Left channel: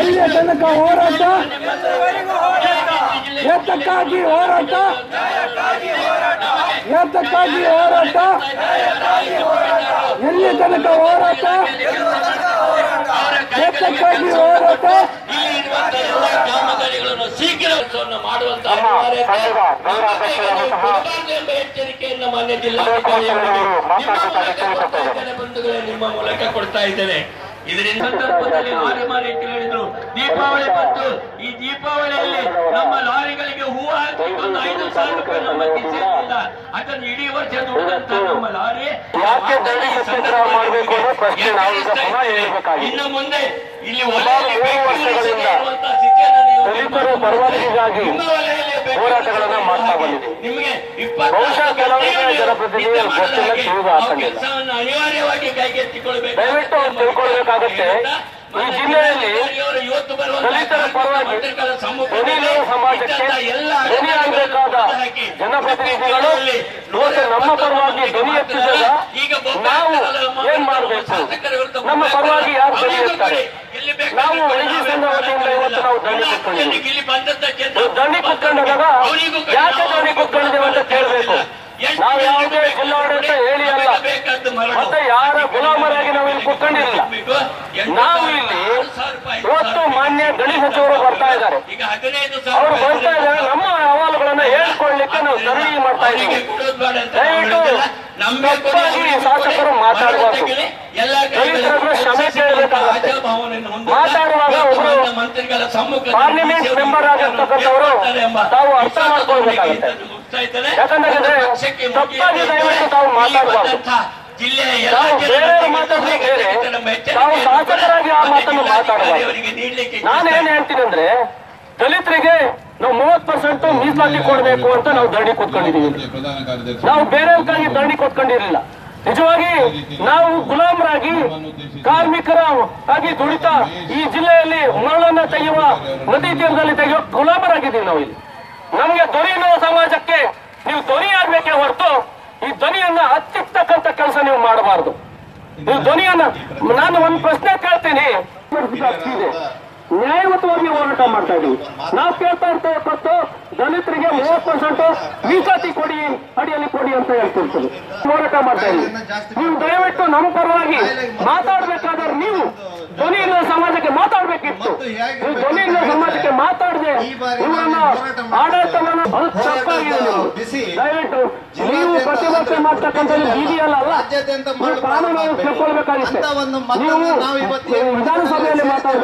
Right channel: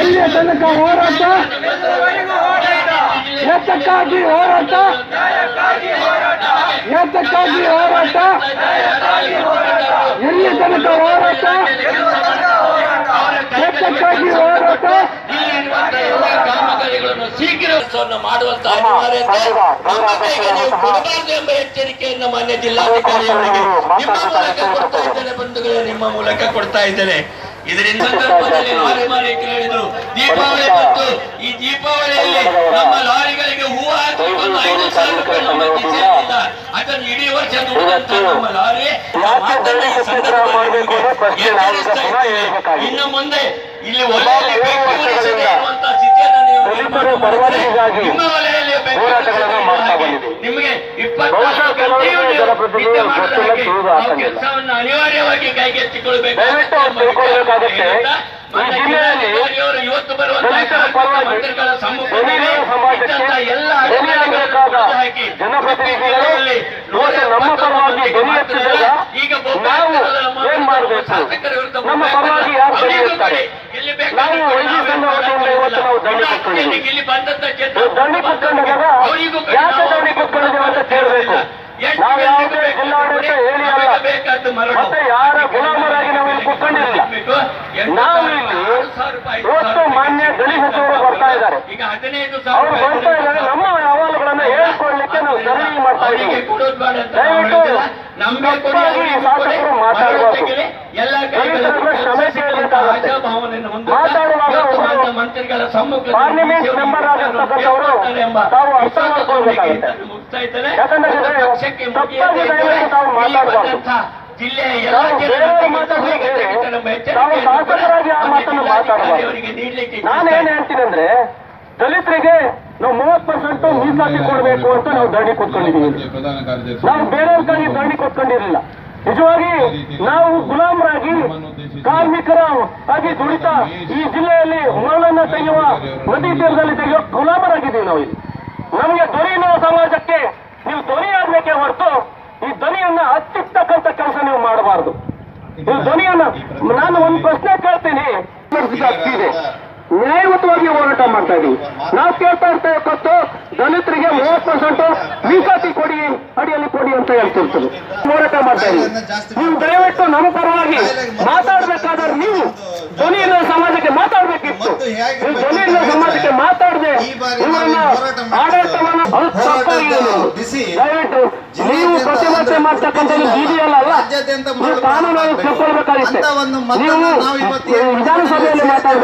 ಎಲ್ಲಿಯ ತನಕ ಹೋರಾಟ? ಏತಕ್ಕಾಗಿ ಹೋರಾಟ? ಏತಕ್ಕಾಗಿ ಹೋರಾಟ? ಎಲ್ಲಿಯ ತನಕ ಹೋರಾಟ? ಏತಕ್ಕಾಗಿ ಹೋರಾಟ? ಎಚ್ಚರಿಕೆಯನ್ನು ಮಾನ್ಯ ಜಿಲ್ಲಾಧಿಕಾರಿಯವರಿಗೆ ನಿಮ್ಮ ಮೂಲಕ ಕೊಡ್ತಾ ಇದ್ದೇನೆ. ಇದರಿಂದ ಸಂದರ್ಭದಲ್ಲಿ ಲಾರಿ ಮಾಲೀಕರು ಹೇಳಿದರು, ದೀಪಾವಳಿ ಮತ್ತು ಈ ದೀಪಾವಳಿಯಲ್ಲಿ ನಮ್ಮ ಲಾರಿಗಳಿಗೆ ಹೂವು ಹಾಕಬೇಕು 5,000 ರೂಪಾಯಿ ಅದನ್ನು ಇಡೀ ವರ್ಷ ನಮ್ಮ ಲಾರಿ ಇನ್ನು ಮುಂದೆ ಇಲ್ಲಿ ನಿಮಗೆ ಕೆಲಸವನ್ನು ಅನಿವಾರ್ಯವಾಗಿ ಕೈಗೆತ್ತಿಕೊಳ್ಳಬೇಕು. ಈ ಜಿಲ್ಲೆಯಲ್ಲಿ ದಲಿತರ ಪರವಾಗಿ ಬೇಕಾದ ಜನಪ್ರತಿನಿಧಿಗಳು ಇವತ್ತು ನಮ್ಮ ಪರವಾಗಿ ಧ್ವನಿ ಎತ್ತಿದಾಗ ನಾವು ಏನ್ ಮಾಡಬೇಕು? ನಮ್ಮ ಪರವಾಗಿ ಯಾರು ಧ್ವನಿ ಎತ್ತಾರೆ? ನಾವು ವೈದ್ಯ ಸಂಘ ವತಿಯಿಂದ ಇವತ್ತು ನಾವು ದಂಡಿ ಕೊಟ್ಕೊಂಡಿದ್ದೀವಿ. ದಂಡಿ ಕೊಟ್ಕೊಂಡಾಗ ಯಾಕೆ ದಂಡಿ ಕೊಟ್ಕೊಂಡಿದ್ದೇವೆ ಅಂತ ಕೇಳಬೇಕು. ನಾವು ಯಾವುದೇ ಜಿಲ್ಲಾಡಳಿತ ಹೇಳಿ ಅಲ್ಲ, ಮತ್ತೆ ಯಾರ ಗುಲಾಮರಾಗಿ ನಾವು ಇಲ್ಲಿ ಕೊಟ್ಕೊಂಡಿರಲಿಲ್ಲ. ನಾವು ಇಲ್ಲಿ ಇವತ್ತು ಮಾನ್ಯ ಗಣಿ ಸಚಿವರು ಬರ್ತಾ ಇದ್ದಾರೆ. ಅವರು ಬರ್ತಾ ಇದ್ದಾರೆ, ನಮ್ಮ ಅಹವಾಲುಗಳನ್ನ ಹೇಳ್ಕೊಡ್ಲಿಕ್ಕೆ ನಾವು ಧರಣಿ ಮಾಡ್ತಾ ಇದ್ದೀವಿ. ದಯವಿಟ್ಟು ತಪ್ಪಾಗಿ ಶಾಸಕರು ಮಾತಾಡಬಾರ್ದು. ರೈತರನ್ನು ಕ್ಷಮೆ ಕೇಳಬೇಕಾಗುತ್ತೆ. ಮಾತಾಡುವಾಗ ಪಾರ್ಲಿಮೆಂಟ್ ಮೆಂಬರ್ ಆಗಿರ್ತಕ್ಕಂಥವರು ತಾವು ಅರ್ಥ ಮಾಡ್ಕೊಳ್ಬೇಕಾಗುತ್ತೆ. ಯಾಕಂದ್ರೆ ತಪ್ಪಾಗಿ ದಯವಿಟ್ಟು ತಾವು ಮಾತಾಡಬಾರ್ದು. ನಾವು ಬೇರೆಯವರು ಮಾತಾಡೋದು ಬೇರೆ, ನಾವು ಶಾಸಕರಾಗಿ ಆ ಮಾತನ್ನು ಮಾತಾಡಬಾರ್ದು. ನಾನೇನ್ ಹೇಳ್ತೀನಿ ಅಂದ್ರೆ, ದಲಿತರಿಗೆ ನಾವು 30% ಮೀಸಲಾತಿ ಕೊಡಬೇಕು ಅಂತ ನಾವು ಧರಣಿ ಕೊಟ್ಕೊಂಡಿದ್ದೀವಿ. ನಾವು ಬೇರೆಯವ್ರಿಗಾಗಿ ಧರಣಿ ಕೊಟ್ಕೊಂಡಿರಲಿಲ್ಲ. ನಿಜವಾಗಿ ನಾವು ಗುಲಾಮರಾಗಿ ಕಾರ್ಮಿಕರ ಆಗಿ ದುಡಿತಾ ಈ ಜಿಲ್ಲೆಯಲ್ಲಿ ಮರಳನ್ನ ತೆಗೆಯುವ, ನದಿ ತೀರದಲ್ಲಿ ತೆಗೆಯುವ ಗುಲಾಮರಾಗಿದ್ದೀವಿ ನಾವು. ಇಲ್ಲಿ ನಮ್ಗೆ ಧ್ವನಿ ಇರುವ ಸಮಾಜಕ್ಕೆ ನೀವು ಧ್ವನಿ ಆಗ್ಬೇಕೇ ಹೊರತು ಈ ಧ್ವನಿಯನ್ನ ಹತ್ತಿರ್ತಕ್ಕಂಥ ಕೆಲಸ ನೀವು ಮಾಡಬಾರದು. ಈ ಧ್ವನಿಯನ್ನ ನಾನು ಒಂದು ಪ್ರಶ್ನೆ ಕೇಳ್ತೀನಿ. ಇದೆ ನ್ಯಾಯಯುತವಾಗಿ ಹೋರಾಟ ಮಾಡ್ತಾ ಇದೀವಿ. ನಾವು ಕೇಳ್ತಾ ಇರ್ತಕ್ಕಂಥ ದಲಿತರಿಗೆ 30% ಮೀಸಲಾತಿ ಕೊಡಿ, ಅಡಿಯಲ್ಲಿ ಕೊಡಿ ಅಂತ ಹೇಳ್ತಿರ್ತೀವಿ. ಹೋರಾಟ ಮಾಡ್ತಾ ಇದೀವಿ. ನೀವು ದಯವಿಟ್ಟು ನಮ್ಮ ಪರವಾಗಿ ಮಾತಾಡ್ಬೇಕಾದ್ರೆ ನೀವು ಧ್ವನಿಯಿಂದ ಸಮಾಜಕ್ಕೆ ಮಾತಾಡ್ಬೇಕಿತ್ತು. ನೀವು ಧ್ವನಿಯಿಂದ ಸಮಾಜಕ್ಕೆ ಮಾತಾಡದೆ ಇವರನ್ನ ಆಡಳಿತವನ್ನ ಅದು ತಪ್ಪಾಗಿದೆ. ದಯವಿಟ್ಟು ನೀವು ಪ್ರತಿಭಟನೆ ಮಾಡ್ತಕ್ಕಂಥದ್ದು ಬೀದಿಯಲ್ಲ ಅಲ್ಲ, ನೀವು ಕಾನೂನನ್ನು ತಿಳ್ಕೊಳ್ಬೇಕಾಗಿತ್ತೆ. ನೀವು ವಿಧಾನಸಭೆಯಲ್ಲಿ ಮಾತಾಡ